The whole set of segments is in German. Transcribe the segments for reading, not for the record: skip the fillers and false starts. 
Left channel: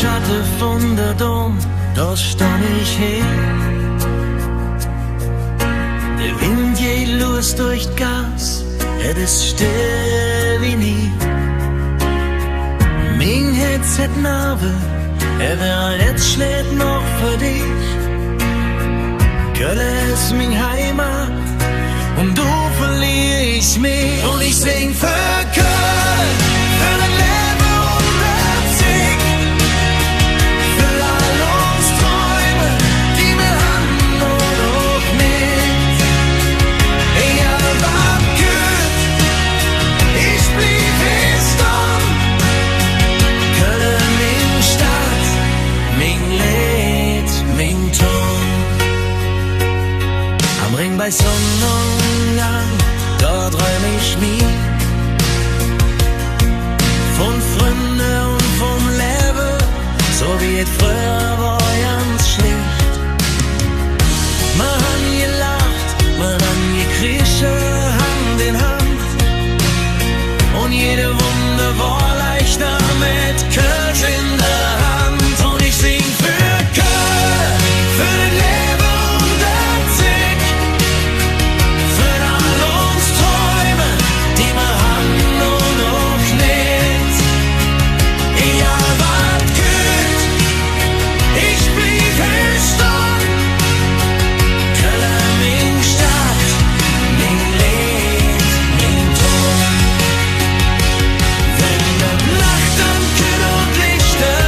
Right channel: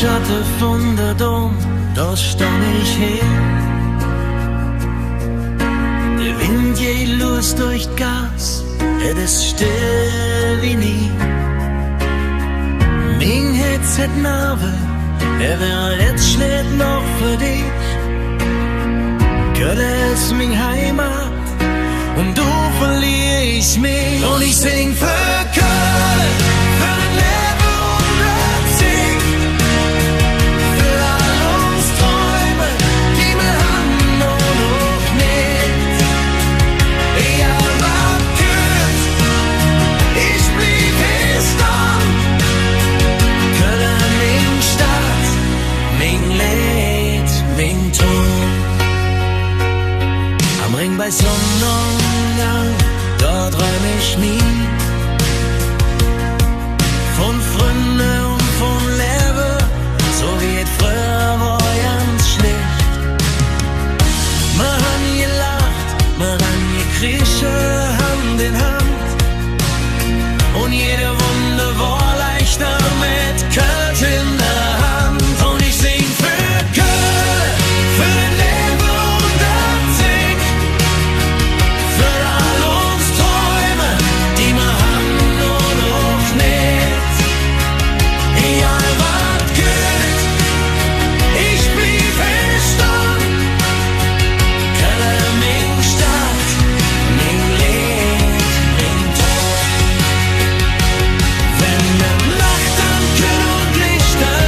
Schatten von der Dom, da stand ich hin. Der Wind geht los durch d' Gas, ist still wie nie. Mein Herz hat Narbe, wird jetzt schlägt noch für dich. Köln ist mein Heimat und du verlier ich mich. Und ich sing für Köln, für den Leben und der Zick, für all uns Träume, die wir haben und auch nicht. Egal was geht, ich blieb hier stehen. Köln, mein Stadt, mein Lied, mein Ton. Am Ring bei Sonnenuntergang, da träum ich mich von Freunden und vom Leben, so wie es früher war ganz schlicht. Man han gelacht, man han gekriechen Hand in Hand und jede Wunde war leichter mit Kölsch in der Hand. Und ich sing für Köln, für den Leben und der Zick, für all uns Träume, die wir haben und auch nicht. Egal was geht, ich blieb hier stehen. Köln, mein Stadt, mein Lied, mein Ton. Wenn der Nacht ankommt und Lichter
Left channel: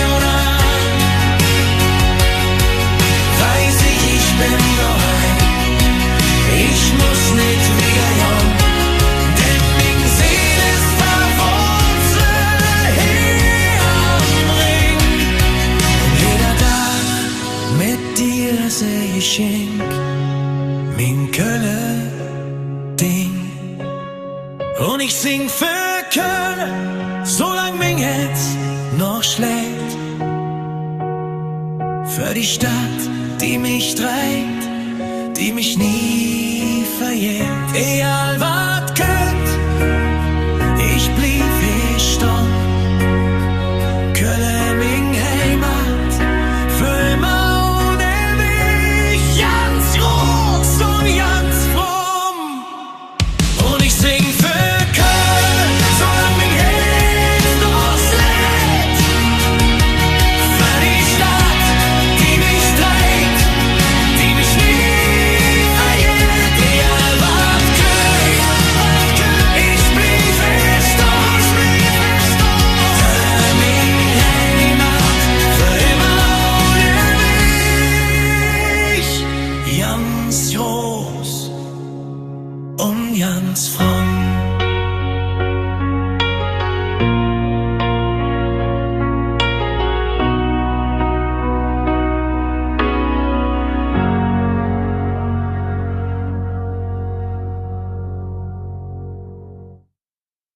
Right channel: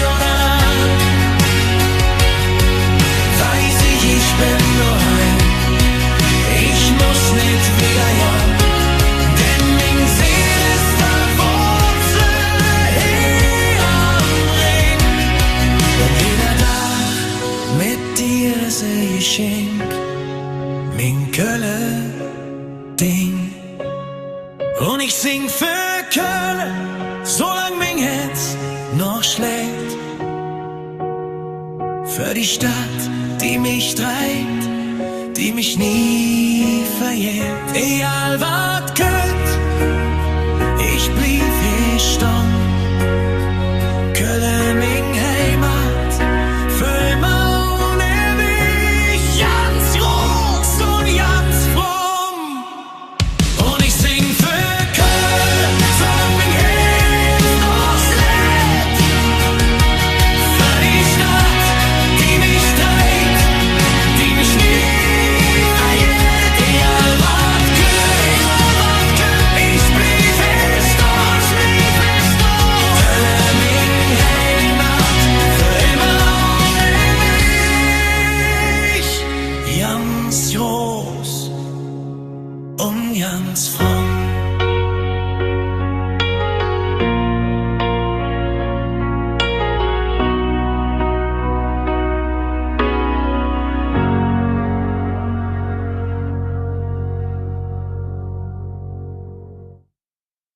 jodeln, weiß ich bin daheim. Ich muss nicht wegjagen, denn mein Seele ist verwurzelt hier am Ring. Und jeder Tag mit dir ist ein Geschenk, mein Köln-Ding. Und ich sing für Köln, solang mein Herz noch schlägt. Für die Stadt, die mich treibt, die mich nie verjährt. Egal was geht, ich blieb hier stehen. Köln, mein Heimat, für immer und ewig, ganz groß und ganz fromm. Und ich sing für Köln, solang mein Herz noch schlägt. Für die Stadt, die mich trägt, die mich nie verjährt. Egal was geht, ich blieb hier stehen. Köln, mein Heimat, für immer und ewig, ganz groß und ganz fromm.